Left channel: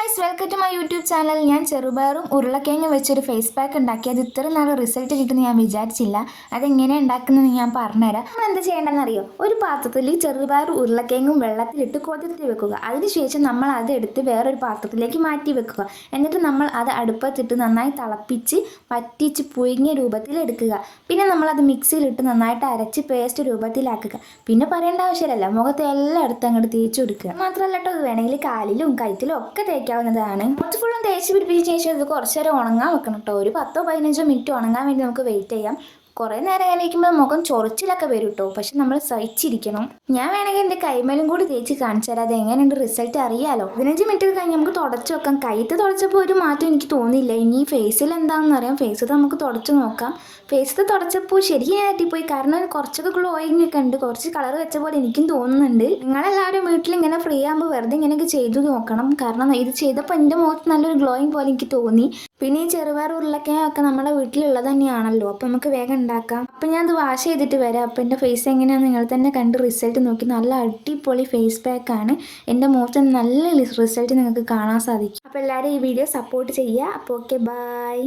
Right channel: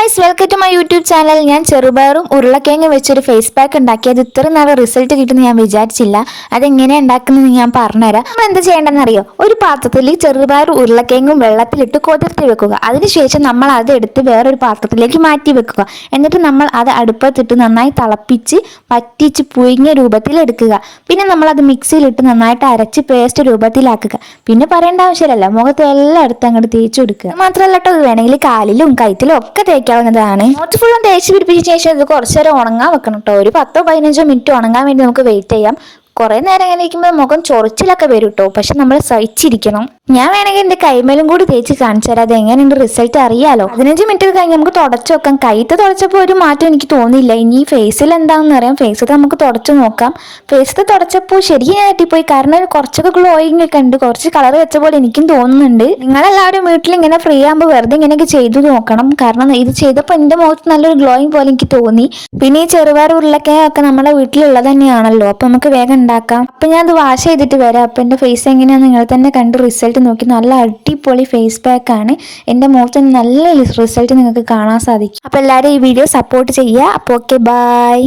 Guys, welcome to my YouTube channel. ഞാൻ ചെറുപയറും ഉരുളക്കിഴങ്ങ് വെച്ചൊരു ഫേസ് പാക്ക് ഉണ്ടാക്കിയത് ഇത്ര നല്ല റിസൾട്ട് കിട്ടുമെന്ന് ഞാൻ വിചാരിച്ചില്ല. അതെങ്ങനെയാണ് ഉണ്ടാക്കുന്നത് ഞാൻ പറഞ്ഞുതരാം. നമ്മൾ എന്ത് ചെയ്യേണ്ടതെന്ന് അറിയോ? ഒരു പാത്രത്തിൽ ചെറുപയറും ഉരുളക്കിഴങ്ങും വെള്ളത്തിലിട്ട് കുതിർത്തി വെക്കുക. അതിനുശേഷം നമ്മൾ അതെടുത്ത് വേറൊരു പാത്രത്തിലേക്ക് മാറ്റി വെക്കുക. എന്നിട്ട് നമ്മൾ അത് അടുപ്പത്തിട്ട് നന്നായി തിളപ്പിച്ച് പറ്റിച്ച് പുഴുങ്ങിയ രൂപത്തിൽ എടുക്കുക. പിന്നെ നമ്മളത് മിക്സിയിലിട്ട് നന്നായിട്ട് അരച്ച് പേസ്റ്റ് രൂപത്തിലാക്കുക. പിന്നെ പറയേണ്ട ആവശ്യമില്ലല്ലോ, മുഖത്ത് എല്ലായിടത്തും അങ്ങോട്ട് തേച്ച് കൊടുക്കുക. മാത്രമല്ല കേട്ടോ, ഇത് വേണമെങ്കിൽ കാലിലും കൈത്തിലും ഒക്കെ തേക്കാവുന്നതാണ്. കുറച്ച് ഫുള്ളും തേച്ച് പിടിപ്പിച്ച ശേഷം ഇത് കുറച്ച് നേരം ഉണങ്ങാൻ വെക്കണം കേട്ടോ. ഒരു 10-15 മിനിറ്റ് ഉണങ്ങാൻ വേണ്ടി നമുക്ക് വെയിറ്റ് ചെയ്യാം. കുറെ നേരം ഇങ്ങനെ ഇരിക്കുമ്പോൾ മുഖം ചൊറിച്ചിലൊക്കെ വരും കേട്ടോ, പക്ഷെ നമ്മൾ സഹിച്ചിരിക്കണം. ഞാൻ വേണമെങ്കിൽ എൻ്റെ കൈമേലും കൂടി തേച്ച് കാണിച്ചു തരാം, അത് എങ്ങനെയുണ്ട് റിസൾട്ട് അറിയാലോ. 15 മിനിറ്റ് കഴിഞ്ഞ് നമുക്ക് തുടച്ചു നോക്കാം. കൈത്ത് തുടച്ചപ്പോൾ ഒരു മാറ്റം എനിക്ക് തോന്നിയില്ല. ഇനി ഫേസിൽ എന്താണെന്ന് അറിയാം. ഫേസിൽ നമുക്ക് തുടച്ചു നോക്കാം. ഫേസിൽ തുടച്ചപ്പോൾ ശരിക്കും ഞാൻ തെറ്റിപ്പോയി, കാരണം കുറച്ചൊക്കെ ഗ്ലോയിങ് ഒക്കെ ഉണ്ട്, കുറച്ച് കളർ വെച്ച പോലെ എനിക്കും തോന്നുന്നുണ്ട്. നിങ്ങളെല്ലാവരും വീട്ടിൽ ഇങ്ങനെ ഫ്രീ ആകുമ്പോൾ വെറുതെ ഇങ്ങനെയൊക്കെ ചെയ്തു നോക്കണം, കാരണം ഇത് ചെയ്തപ്പോൾ എൻ്റെ മുഖത്ത് നല്ലൊരു ഗ്ലോയിങ് പോലെ എനിക്ക് തോന്നി. പിന്നെ ഈ ചെറുപയർ ഉരുളക്കിഴങ്ങൊക്കെ നമ്മുടെ വീട്ടിലുള്ളത് തന്നെയാണല്ലോ, അപ്പം നമുക്ക് വേഗം ഉണ്ടാക്കാം. അപ്പം ഞാൻ അത് വാഷ് ചെയ്തിട്ട് വരാം. അപ്പം എൻ്റെ ഫേസ് എങ്ങനെയാണെന്ന് നിങ്ങൾ തന്നെ കണ്ട് റിസൾട്ട് നോക്കി. നല്ല അടിപൊളി ഫേസ് പാക്ക് ആണ്. എൻ്റെ മുഖത്ത് നല്ല റിസൾട്ട് നിങ്ങൾക്ക് കാണാൻ സാധിക്കും. അപ്പം എല്ലാവരും ഈ വീഡിയോ സപ്പോർട്ട് ചെയ്യുക. അപ്പോൾ ഓക്കെ, ബൈ.